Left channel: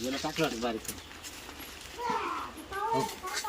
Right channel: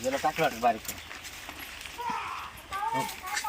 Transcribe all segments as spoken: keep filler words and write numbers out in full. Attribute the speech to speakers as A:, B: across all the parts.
A: याला टाकलं वाटत बारीक. हो.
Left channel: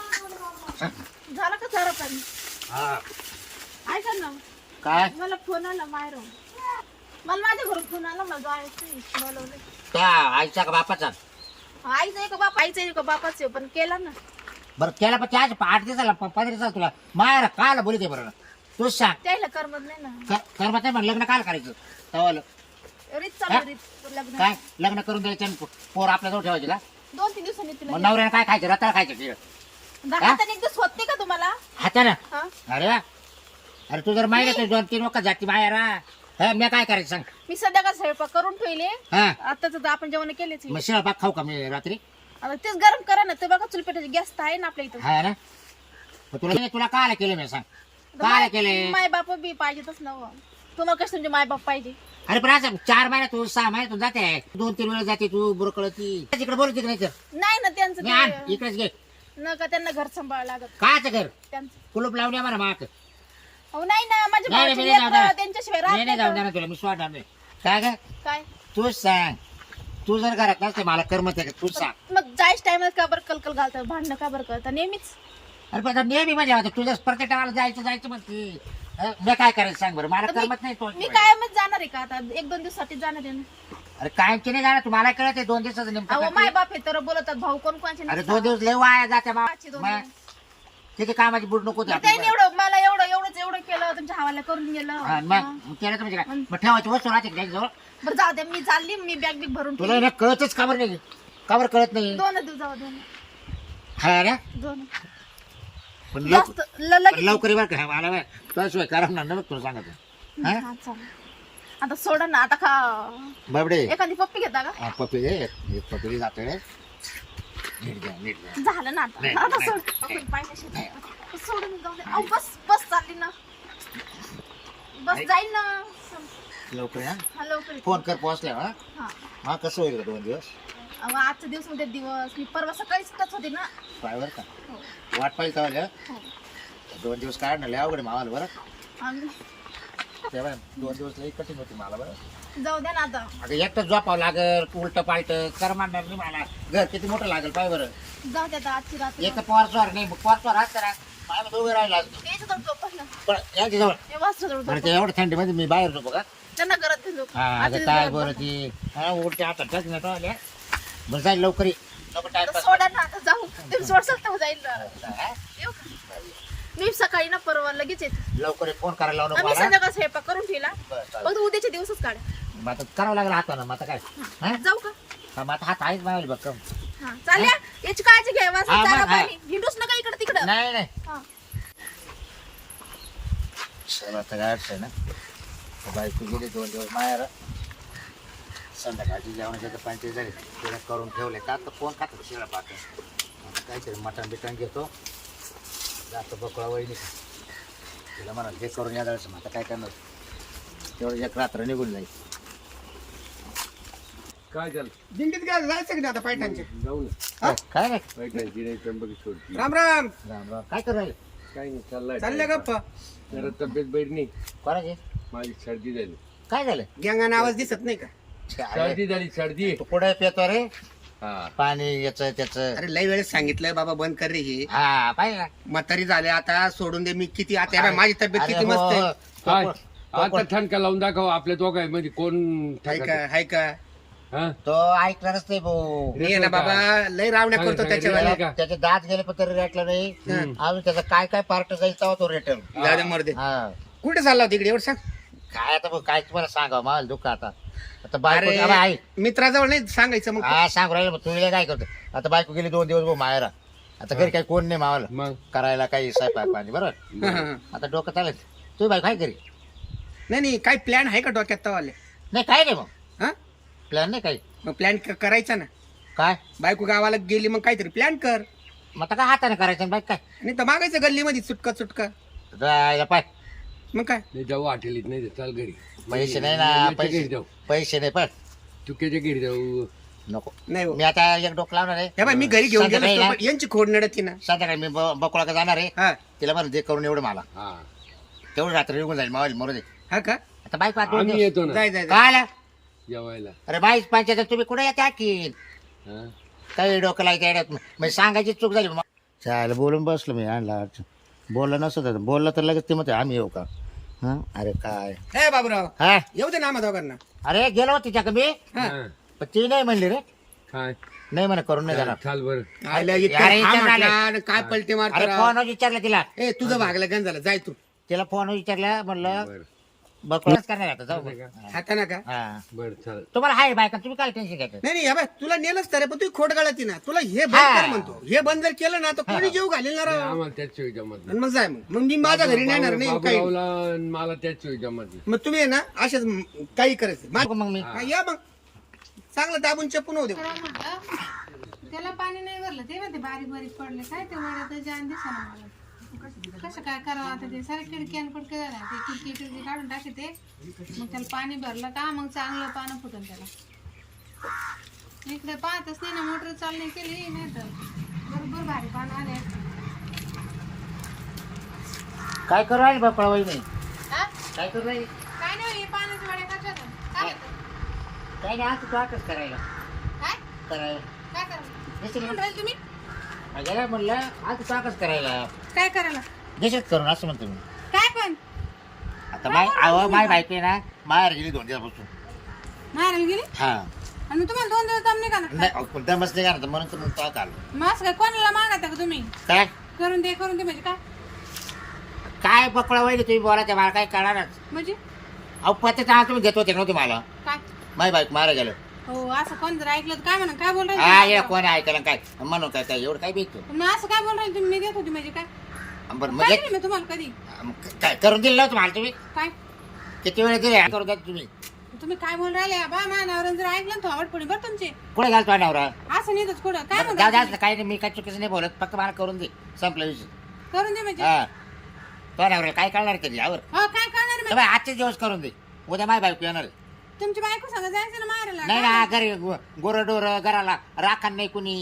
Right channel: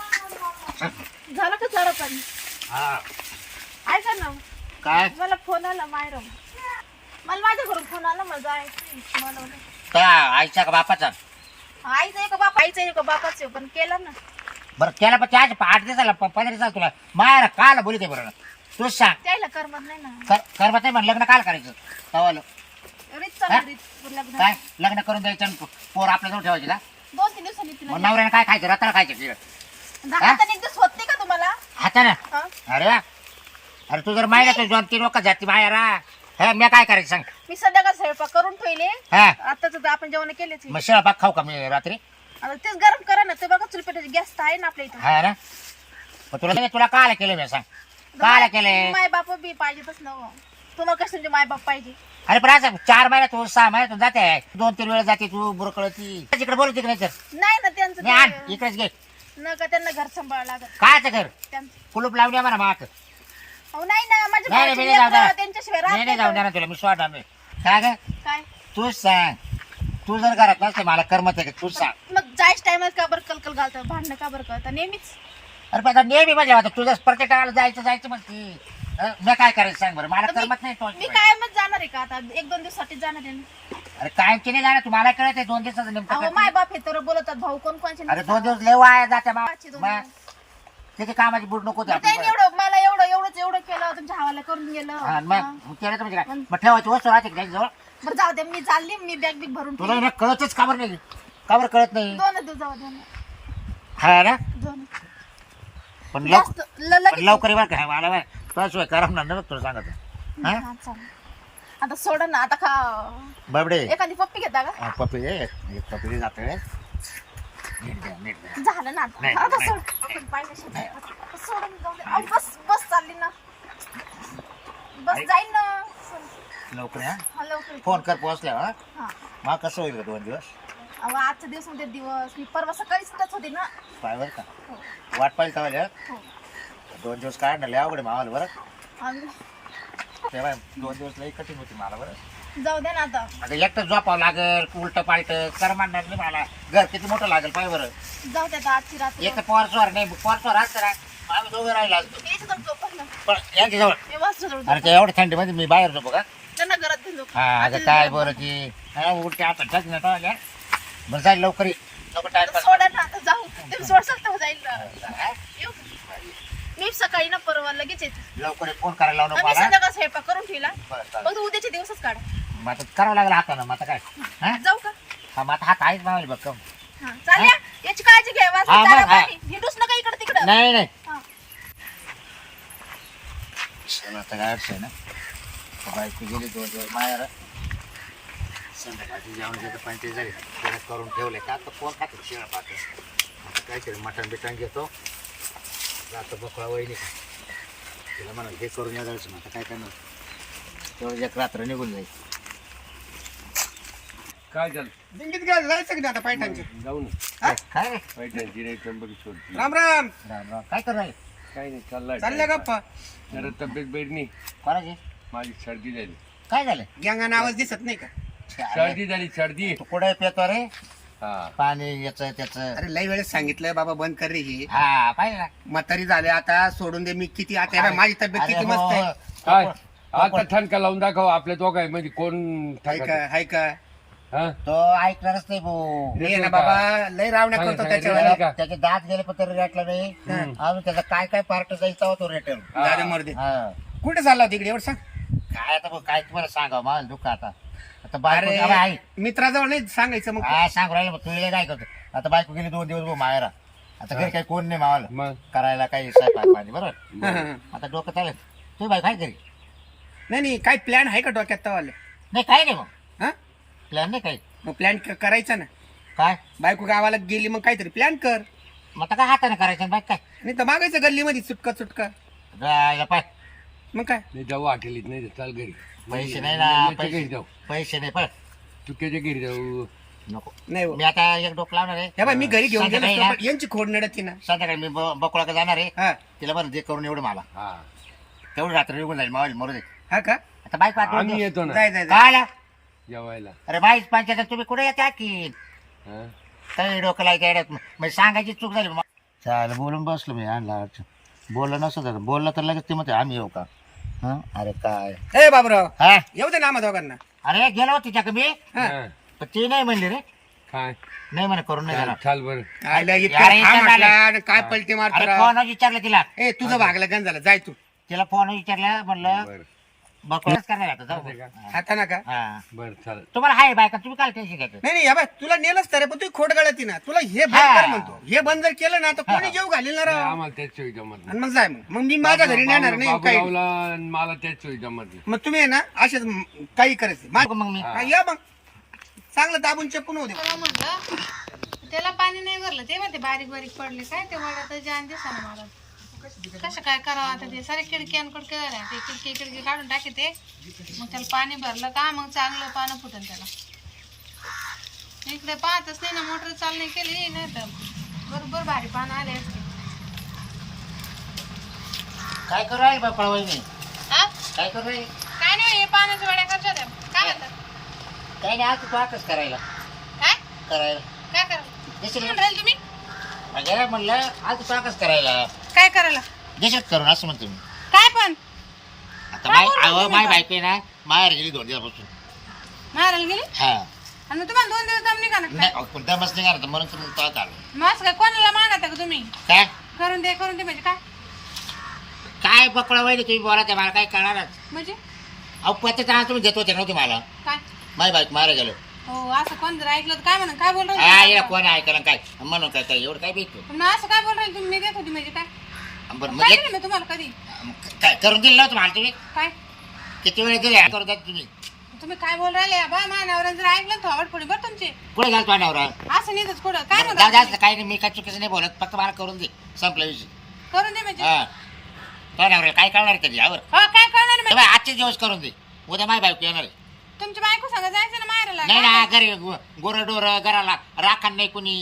A: हा.
B: झालं का सारा पण
A: हा.
B: ऐका ना
A: काय
B: मला फोन आला मायरो मला माझ्या घरून फोन आला मला जायचं मला
A: त्या आईच्या का बापाचा?
B: आईचं आहे का बाप आईचं आहे का बापाचं आहे, पण केलं ना.
A: बरं केला पण त्याच आठ दिवसाला प- पंधरा दिवसाला तुला मायरा काल बोलू दे बरं तूच सांग.
B: त्याला करमत नाही ना.
A: कर करमत नाही म्हण लग्न काल करायचं तवाल
B: रीत चालू रीत लग्न
A: काय लग्न करून द्यायचं आणि पोर आपल्याजवळ ठेवायची का?
B: दोन तीन दिवसांनी तुला
A: मग नवऱ्याने काय खायचं रताळ खायचं तिला
B: हाताने एक दिवस होत नाही का तुम्हाला?
A: हातानं?
B: हा?
A: अरे वा. अरे तू जर माहिती तू दोन तीन लोक जाती मायरा हे मी काय करायचं सांग.
B: मी सध्या का स्वयंपाक करून ठेवले
A: हा
B: आताच आपण जेवण केलेच
A: मग शेळपाक खाऊ का मी रात्री?
B: आता तेच गरम करा ना. ते बघा चुलपेटाची गॅस तर आहे ना आपल्या इथं.
A: हा ना मग तुला तुला काल केलं मी सांग काल केले?
B: माय बाप बी पाहिजेतच ना हो. तुम्हाला कसं तुमचे माय बाप पाहिजे?
A: अरे पण असं चार महिन्यातून सहा महिन्यातून जाते दोन तीन वेळा जाते तू बुरकळती तिकडे बोलू तिकडे नाही तर
B: नाही ना त्यांचं
A: मी आण
B: ते-
A: इकडेच घे.
B: नका त्यांना घर सांभाळावं लागत
A: कायचं घर
B: त्यांचं.
A: कुलूप लावून म्हणा माक
B: अहो नाही ना माझ्या
A: नाही नाही,
B: भावाची
A: मी नाही जाऊ
B: लेकरं
A: देणार.
B: त्यांच्याशिवाय
A: मी नाही
B: राहत
A: जाऊन
B: नाही
A: देणार तुला मी सोडणार नाही. काय ग
B: तर. काय
A: तूच सांग तू जर घरात नसते मला करमत आहे का तूच सांग.
B: मग जायच टायमात का बरं कलकल घालतं भांडणं का बरं करतं नेहमीच?
A: अरे पण आता नेहमी म्हणजे आता तुझं प्रत्येक टाळाला जायचं जायचं मग ती अं, मी काय करायचं सांग बरं मला
B: तर मी-
A: करमत नाही तो
B: मी कायमच जाणार आहे का आता एक दोन दिवसासाठी जाणार आहे ना.
A: अरे कायमची नाही जाणार तुम्हाला कळत आहे दोन दिवसाचं नेमकं
B: अहो
A: काय
B: माय
A: ते.
B: बाप हे तर बोलतात भाऊ कोण कोणचे
A: अरे दोन दिवस लय वाया जाते बा
B: पाचशे दोन
A: मग तिथे कामाची बुड नको होती
B: मी
A: आपली
B: काही एवढं मला एवढं एवढंच एवढं केलं तुमच्या हवाला करून गेलं.
A: हा, मग
B: हा.
A: मग केलं तर म्हणजे काय मग ठेवायची वस्तू राहते का जवळ
B: बरं जाऊ दे मी चालली मी बॅग बिग भरून
A: तुला ना कळतच का बरं नाही का बरं कळत नाही
B: दोन दिवस जाऊ दोन
A: हा ना
B: दोन
A: पण लवकर
B: जास्त ल- लगेच-
A: पण लवकर बरं का मला तुझ्याशिवाय करमणार नाही बघ तुला सांगत हा?
B: हा, चालेल. आता सोडा ना आता खा
A: बाबडे
B: एखादी पप्पी घेता का?
A: हा, पपई दे एक पपई जाते रे नीट घ्या नीट घ्या
B: झालं ना आता
A: नाही,
B: आता
A: नाही,
B: सोड आपण पाहिलं शेतात. सोडून जाऊ दे अहो, बस बस चालली ना बस
A: अरे.
B: जाईल ना सोड.
A: लवकर या
B: हा लवकर
A: फोन कर पोहोचल्या हा
B: हा
A: मग कसं होईल का दोन दिवस
B: अहो आजचा दिवस मध्ये दिवस मी परवा सकाळीच टच होते ना.
A: पाय बरं का
B: हो
A: वाट पाहिजे तवाल्या
B: हो
A: दोन दिवस काढणार लय अवघड आहे मावाला बरं
B: आम्ही
A: तेव्हा दोन दिवस लई कठीण होती मला बरं
B: जाऊ द्या ना आता
A: अगं एकटं झोपावं लागल उलट पालट करमांडणार नाही मला घर किती मोठं लागेल पाय बरं
B: जाऊ द्या आता आजची रात्र
A: एक तर पोरस्वार नाही पोरस्वार असतं ना आम्ही दोघे राहिला असतो
B: याच्या जवळ झोपलं
A: पण यांच्याजवळ
B: हे वासरू जवळ
A: अरे
B: झोपलं.
A: त्या एवढ्या थंडीमध्ये मी बाहेर झोपू का
B: त्यांना घरात घेऊन झोप.
A: हा
B: आजी
A: अगं काय
B: जवळ
A: बरं
B: झोप.
A: ती हा उलट्या आता टच नाही टॉयल्या बरं जाईल लवकर ये. नको
B: आता
A: टाइम
B: सोडा ना आता जाऊ तुम्ही सोड सकता जाईल ना. येऊ का? मी सकाळी ना परवा लगेच येते.
A: लवकर ये, फोन करायला लावू नको
B: आम्ही
A: मला
B: संध्याकाळ स्वयंपाक करून ठेवला
A: बरं, चालेल.
B: फक्त उद्याचे दिवसच काढा.
A: मग आता करावं लागलं हातानं मग आता काय हा
B: जाऊ का?
A: हा मग आता हात आहेच मावेल बघ कम
B: हा चालल्या याची काळजी घ्या वासरू
A: हा, मग,
B: चारा
A: हा.
B: पाणी हिंडूच नका इकडे तिकडं.
A: नाही नाही
B: हा.
A: चला आता काय अडचण आहे ना तर बायको गेली दोन दिवस मायाला संध्याकाळची जेवणाच्या पंचायत झाली त्याला करून ठेवले का आता फोन खातो शिळा पाहतो आता काहीतरी मटण बिटण घेतो जातो बकळा वहिनी तिला म्हणा हे करून या जायचं आता काय करणार तेवढं एक रात्र निघून जाईल
C: काय झालं
D: दिंडीत गेलं जायचं की नाही आता पैठणचे
C: जाऊ ना
A: काय काय रे
C: पैठणची नाही त्र्यंबकी सोडती
D: राम राम
A: राम राम काय करू राहिले
C: काय नाही चाललाय
D: चालल्या गप्पा
C: जरा तब्येत बैठ नाही
A: कोणाचे
C: माझी सर्दी झाली
A: काय झालं
D: गँगाने आवाज दिसत नाही का
A: अरे,
C: सर्दी झाली सर्दी
A: तू कुठे पेतो रे
C: हा
A: पाणी याच त्याच
D: अरे लय वेळेस सांगितलंय बाबा बंद कर रे हे
A: हा पाहिजे ना
D: म्हातारी झाले आता सोडून दे मी किती आता हे बघ, माझी तब्येत
A: अरे
D: किती
A: हो,
D: मस्त आहे
A: हो.
C: काय
A: तो-
C: आता ठणका लावून दाखव आपल्या दोघांमध्ये कोण
D: हाय
C: ठणका
D: का हाय का
C: हा
A: तो ऐकणारच नाही भाऊ
D: मी आहे ना बाबा लय रावण्या
C: सांगा,
D: करतो
C: सांगा,
D: त्याच्या
C: सांगा.
D: वेळेला
C: का?
A: त्याचे दात गेले पण तरी रेटला नाही अजून त्याचा काय काय पार्ट जाईल तेव्हा तो रिटर्न
D: दादा मर्दे
A: हा
D: कुठे चालला होता इकडे एवढं सांग
A: काय आता भाऊ, काय तुम्हाला सांगा मला दुःख आता आता बायको
D: अरे
A: आता आई
D: मित्राजवळ नाही सांगायचं मग
A: हा सांगू राहिलं मग तुला काय करतो आता बायको गेली दोन दिवस भाऊ मायरा आता घरी काही कोण नाही मावाला
C: मग
A: करायला काही स्वयंपाक पाणी बरोबर
D: हा, हा, हा.
A: आता डोकं चालेल तू बायको काय करी
D: नाही नाही काय प्लॅन आहे का डोक्यात तवाले
A: नाही काय नाही मग
D: हा
A: प्लॅन नाही काही
D: मग प्लॅन करायचा ना
A: काय
D: बायको गावाला गेली मग काहीतरी प्लॅन कर
A: मग आता काय हाताने करायचं बाईक काय
D: नाही तर मागायचं गल्लीमध्ये चुटका चुटका
A: जायला पाय
D: मग काय
C: नाही जाऊ हॉटेलीत नाही तर चाल घरी
A: पैसे नाही ना
C: याच्या
A: पैसे
C: घरी जाऊ
A: पैसे नाही पण
C: चुकीच्या घरी जाऊ
A: नको
D: नाही हो.
A: मी आता एक डोकं लावणार आहे
D: हे बाय मी घरी घेऊन गेलो
A: संध्याकाळी
D: असतो,
A: ना-
D: पण यांची खोड नडत ना
A: संध्याकाळी मी ब- बकुळा जाणार आहे
D: हा
A: तिला बरं दे करून एवढं मला
C: हा
A: तेवढं रात्र निघून जाईल मावली मरू दे
D: हा का
A: आता बाईक पाठवून
C: आम्ही
A: देऊ.
C: येतो ना
D: जाय जाय जाय.
A: काय आला
C: जेवायला
A: अरे बाईक पंचायत तुम्ही कुठे येते की
C: हा
A: काही डोकं लायचं येड्यात म्हणजे सांगायची चूक झाली मग चालेल बोलून बसलो मी आणला अडचण बोललं नसतं तर बोललं तर लगेच ते म्हणते आम्ही येऊ का हां अरे काय
D: ए बाबूराव
A: हा
D: येऊ दे ना आम्हा दोघांना.
A: अरे गेलो होती का मी
D: हा.
C: हा.
A: पण ती नाही म्हणली रे
C: काय
A: नाही म्हणे करून नाही जाणार
C: चाल बरं
D: आयला इतका
A: यार,
D: हा
A: इतका
D: म्हटला
A: झालं.
D: आणि काय पलटी मारतो
A: अरे
D: राव.
A: फोन विचारलं तिला
D: ए तुझं भागलं गण झालं जाय तू.
A: तिला फोन विचारला म्हणलं
C: बरं
A: बकवास करणार आता जाऊ
C: चालतंय
A: हा.
D: आता ना का
A: हा
C: बरं चालेल
A: तुम्हाला हाय बायका तुम्ही काय टेन्शन घ्यायचं
D: नाही नाही या बाय तुला नेलंच तर पण तू खोड गळती ना तुला हे बंद
A: हा.
D: कर म्हणतो. हे बंद जर केलं ना तर कोणी जेव घालेल ना
C: नाही,
D: राव.
C: आम्हाला त्याच वेळी जमत नाही
D: आणि मग जाय मग मग मी माझ्या घरी नेणार नाही काही.
C: बाबूरावला आणि मला त्याच वेळी जमत नाही
D: मग तुम्ही आहे ना असेच म- काही करायचं मा-
A: मग मी
D: हा, या मग चांगलं दाबून चपून होऊ दे.
B: परवा म्हणलं त्याला पाणी नाही भरलं ते म्हणते बारीक बारीक पडले काय ते वड्यात जान दिसा ना मला कसं काय करावं आता ते सारे खिडकी आणि कुडके झाल्या ते खिडकी खिडकी काढून टाकी ते मग त्याला पाणी भरलं का मग चांगलं पानं फुटन त्याला इकडे पाहतच नाही ना मोटर चालू नाही केली नाही तर बरोबर भारी पानं आले असते
A: काय करू राहील बापा वहिनी
B: हा?
A: काय करू राहील
B: काय नाही हे पाण्याच्या वड्या करच्या त्या काय म्हणतात
A: काय नाही आज तू आकच करायला
B: काय
A: करायला
B: काय करायला
A: देशील
B: म्हणून राहील तुम्ही
A: माझ्या म्हणलं आज तू आकच करायला
B: काय करायला
A: देशात करून असं म्हणतो मी
B: काय पण
A: आता माय अहो माय बायको आहे ना माहेर गेली दोन दिवसापासून
B: मारायला गेली
A: हा
B: आणि मग तुम्हाला दोन दिवस दम निघा ना
A: नाही अहो, पण दमच नाही का म्हणून तर मग तो आलो
B: मग असं काय कोणाला मागता का तुम्ही
A: काय
B: करून दे करून दे म्हणजे काय
A: काय पकडा वहिनी तुम्ही बोला त्या मला काय कळणारच
B: म्हणजे
A: अहो पत्ते तर तुम्ही देत होते नव्हते मला
B: काय
A: माय बायको मारा गेलो
B: हो असं कोण जर ऐकलं तर काय म्हणा काय बोल
A: हा
B: राहिले
A: ये कोणी ऐकायला काय म्हणून काय काय एवढं काय भेटतो
B: पण मग असं काय बोल राहिले तुम्ही मी देत होती म्हणजे काय
A: बरं
B: काय
A: म्हणजे
B: दिलं मी तुम्हाला कधी
A: काय करून दिलं नव्हतं मला तुम्ही
B: काय
A: किती वेळ दिले करून द्या तुम्ही
B: तुम्ही काय बोल राहिले बा मानावर जर ऐकलं तर आवड पडी बरं तुमची
A: कुठे घालतो नवरा
B: असं नाही कुठं काय
A: जाऊ
B: म्हणता
A: द्या काही नाही मी काय चुकीचं नाही बोलत फक्त मला करून दे संपलं विषय
B: करून दे म्हणजे
A: हा तो नवरा काय कळणार कधी यावर
B: हो काय करणार
A: तर बाई, आजचे दिवस करून दे उद्या माय बायको येणार आहे.
B: तुमची बायको सांगा जायचं ना मारायला
A: नाही ना घरी गोर डोर घराला राखण नाही कुणी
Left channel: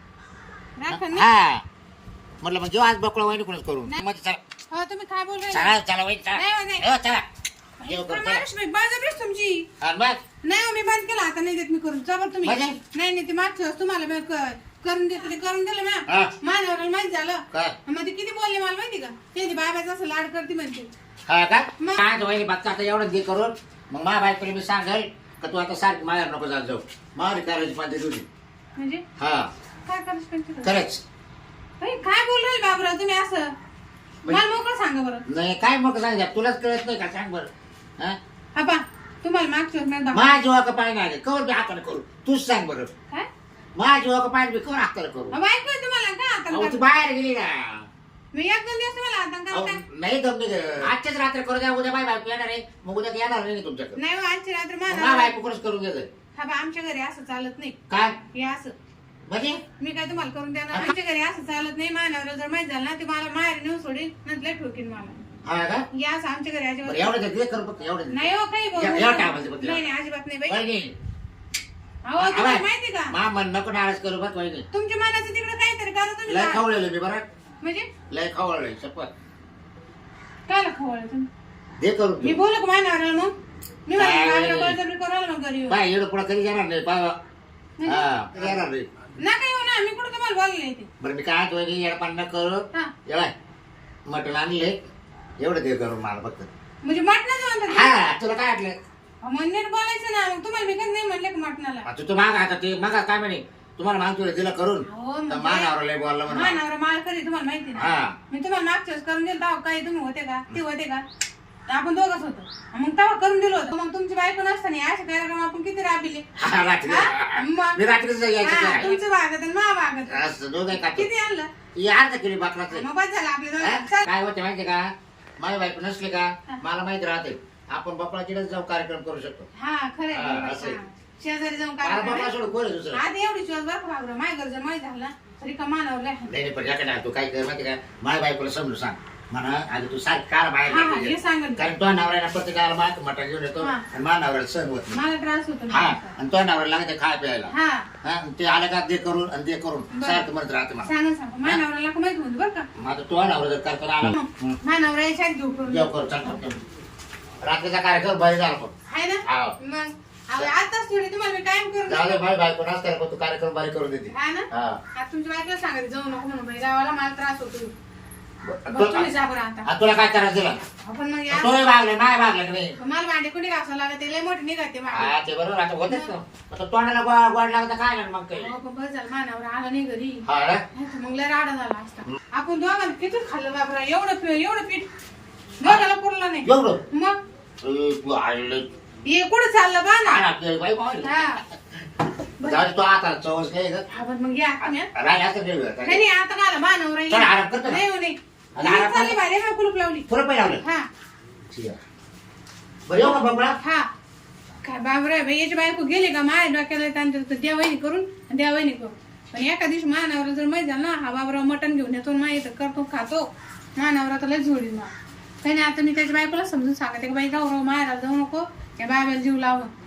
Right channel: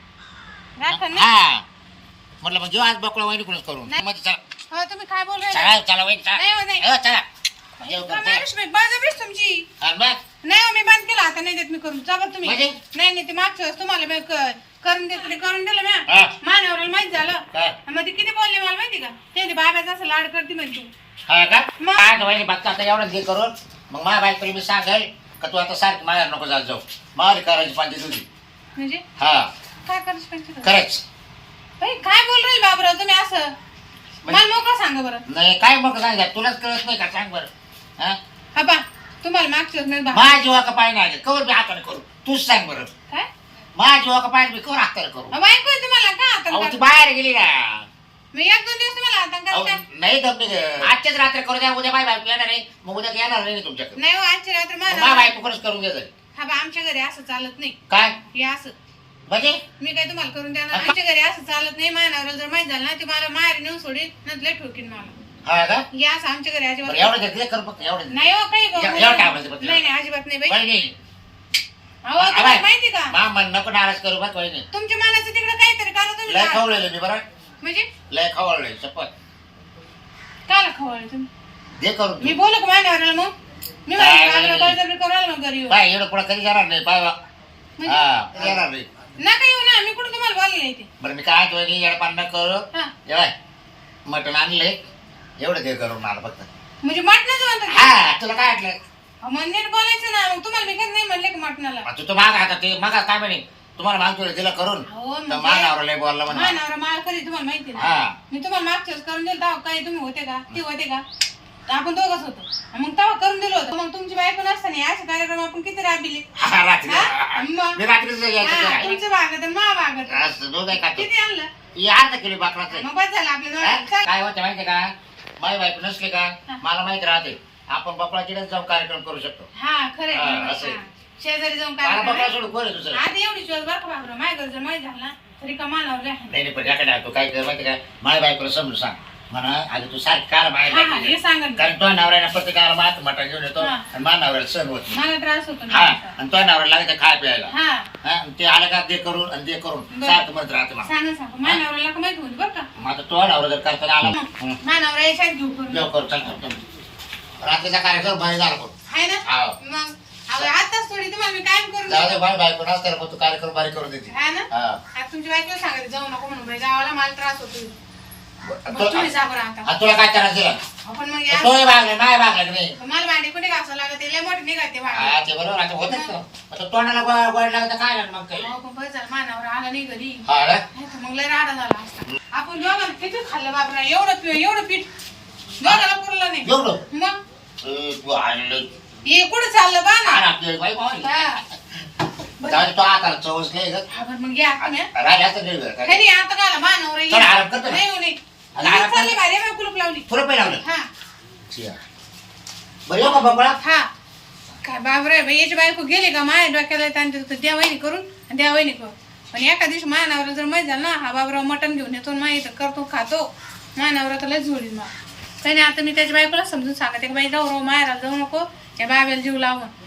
B: राखण नाही
A: हा म्हटलं मग जेव्हा आज बकळा वहिनी कुणीच करून
B: नाही.
A: मग चला
B: हो तुम्ही काय बोल राहिले
A: चला चला वहिनी चला
B: नाही, हो, नाही.
A: हो, चला जेव करू, चला.
B: माणूस बाई, बळजबरीच तुमची
A: हा, बस.
B: नाही हो, मी बंद केला आता नाही देत मी करून जबर तुम्ही
A: म्हणजे?
B: नाही नाही ते मागच्या वेळेस तुम्हाला मी क- करून देत ते करून दिलं
A: हा.
B: म्या मान्यवराला माहित झालं
A: काय
B: मग ते किती बोलले मला माहिती का ते ते बाबाचं असं लाड करते म्हणते
A: हा का
B: मग?
A: काय वहिनी बघता आता एवढंच घे करून मग माझ्या बायकोला मी सांगेल का तू आता सारखी माझ्या नको जात जाऊ मार करायची पाहिजे तुझी
B: म्हणजे
A: हा
B: काय करायचं पंचायत
A: खरंच
B: बाई, काय बोल राहील बाबराव तुम्ही असं मला मोकळं सांगा बरं
A: नाही काय मग सांग तुलाच कळत नाही का सांग बरं हा
B: हा बा तुम्हाला मागच्या वेळेस नाही बा-
A: माझ्या जीवा का पाय नाही कवर मी हाताने करू तूच सांग बरं
B: काय
A: माझ्या जीवा का पाय मी कवर हाताने करू
B: अहो, बायको आहे तुम्हाला का आता
A: अहो ती
B: काय?
A: बाहेर गेली ना
B: मी एक दोन दिवस तुम्हाला आता
A: अहो,
B: काय
A: नाही दमने आजच्याच रात्री करू द्या उद्या माझी बायको येणार आहे मग उद्या येणार नाही तुमच्याकडे
B: नाही हो, आजची रात्र
A: माझ्या
B: मला
A: बायको कोणच करून घ्यायचं
B: हा बा आमच्या घरी असं चालत नाही
A: काय
B: हे असं
A: म्हणजे
B: मी काय तुम्हाला करून देणार आमच्या घरी असं चालत नाही मानावर जर माहित झालं ना ते मला माहेर नेऊन सोडील नंतर ठोकीन मला
A: हा का
B: हे असं आमच्या घरी
A: बरं
B: अजिबात
A: एवढं घेतलं करू फक्त एवढं
B: नाही हो काही बोलू
A: एवढं
B: नका.
A: टाकायचं फक्त.
B: नाही नाही अजिबात नाही बाई
A: वहिनी
B: अहो तुम्हाला माहिती का
A: मा मन नको नाराज करू बघ वहिनी
B: तुमच्या मनाचं तिकडे काहीतरी करा तुम्ही
A: लय
B: काय?
A: खवळलेलं मी बरं
B: म्हणजे
A: लय खवळलंय शपथ
B: काला खवळ तुम्ही
A: दे करून
B: मी
A: तू.
B: बोलू का मानावर मग मी
A: काय?
B: माझ्या बळजबरी करायला मग घरी येऊ.
A: बाय एवढं पुढे कधी जाणार नाही बाबा
B: म्हणजे?
A: हा कधी येणार नाही
B: नका येऊ ना मी कुठं तुम्हाला बोलले नाही ते
A: बरं मी काय तो येडपान न करू
B: हा
A: येवाय मटण आणले एवढं दे करून मला फक्त
B: म्हणजे मटणाचं म्हणतात का?
A: हा तुला काय वाटलं
B: अहो, मग नीट बोलायचं ना मग तुम्हाला मी कधी नाही म्हणले का मटणाला
A: मग तू तू माग आता ते मग काय म्हणे तुम्हाला मागतो तिला करून
B: हो
A: तर
B: म्हणजे
A: मानावर लय बोलला म्हणे
B: मानावर मला कधी तुम्हाला माहिती ना
A: हा
B: मी तुम्हाला मागच्या वेळेस करून दिलं तेव्हा काही तुम्ही होते का ती होते का तर आपण दोघच होतो मग तेव्हा करून दिलं होतं मग तुमची बायको नसताना असे कार्यक्रम आपण किती राबिले
A: हा, रात्री
B: हा? मग?
A: मी रात्रीच
B: हा,
A: यायचं
B: तुमचं भागत आणि मा भागत
A: असं दोघं काय खातो
B: किती आणलं
A: हे अर्धा किलो बाकराचं
B: मग बस झालं आपल्या
A: हा?
B: दोघांचं.
A: काय होतं माहितीये का माझी बायको नसली का
B: हा.
A: मला माहित राहते आपण बकळाचीच जाऊन कार्यक्रम करू शकतो
B: हा खरे
A: हा, असं आहे.
B: शेजारी जाऊन
A: मला
B: काय
A: बकळा सोडून कोण आहे दुसरं
B: आधी एवढी शिवाय बरं का बाबरा माझ्या घर जर माहीत झालं ना तरी का मानावर लय आहे.
A: नाही नाही, पण याकडे तू काय कर माहिती का माझ्या बायकोला समजून सांग म्हणा आधी तू सारखी कार बाहेर
B: हा हा
A: टाकली.
B: हे सांगा ना.
A: कारण तो नवऱ्यानं प्रत्येकाला मात मटण घेऊन येतो
B: हा.
A: आणि माझ्या नवऱ्याला सण होत नाही
B: मला त्रास होतो
A: हा
B: ना.
A: आणि तो नवऱ्याला लागते खाय प्यायला
B: हा
A: हा आणि ते आलं का दे करून आणि दे करून
B: बरं.
A: सारखं म्हणत राहते मला
B: सांगा सांगा माझ्या नवऱ्याला का माहित होती बरं का
A: माझा तो नवरा जर करताना आला हं,
B: माझ्या नवरा याच्यात घेऊ करून
A: जेव करू चल करतो रात्रीचा कार्यक्रम बाहेर झाला करू
B: आहे ना
A: हा.
B: मग अहो, आताच थोडी तुम्हाला मी कायम करून
A: जाऊ दे
B: देते.
A: बाय बायको नसताना पण तू कार्यक्रम बारीक करून देते
B: हा ना
A: हा
B: आता तुमच्या बायकोला सांगायचं जाऊ नको म्हणून बाई गावाला मला त्रास होतो
A: तू-
B: बघ तुम्ही जा बरं आता
A: आणि तुला काय करायचं दिला
B: आपण मग या-
A: तोही भागले नाही भागला की नाही
B: मला भांडी कुठे घासावं लागत लय मोठी निघते भांडी
A: हा ते बरोबर आता होतच ना आता तोंडाला गो- गोड लागत तर काय मग काही
B: अहो, पण बस झालं मानावर आला नाही घरी
A: हा ना
B: नाही तर मग लय राडा झाला असता आपण दोघांना किती खाल्लं बाबरा एवढं पि- एवढं पीठ दोघांना पुरलं नाही
A: एवढं
B: मग
A: ए, तू आलं
B: हे कुठं चाललं बा ना
A: काय लागते बाई बाई
B: हा
A: जाऊ दे, तो आता चवच नाही ग
B: हा, बरं मग या तुम्ही हा.
A: राजा असं गेलं का?
B: नाही आता गाला मानावर
A: चल, आराम करतो ना.
B: नाही हो, नाही
A: आता आराम
B: चालले बाहेर मग कुलूप लावली
A: तुला पण लावलं
B: हा
A: ठीक आहे. बरं येऊ का बंबळा
B: हा काय बाबरे बाई याची बायको गेली का माय डोक्याला त्यांच्या द्या वहिनी करून आणि द्या वहिनी करून पण एका दिवशी मानावर जर माहीत झालं ना हा बाबराव मटण घेऊन येतो माहीत करतो खातो मानावर तर लय झोडील मग काही नाही आता मी त्याच्या बायकोला समजून सांगते की बाई जाऊ राव मायला जाऊ नको या बाब्याला जीव लावून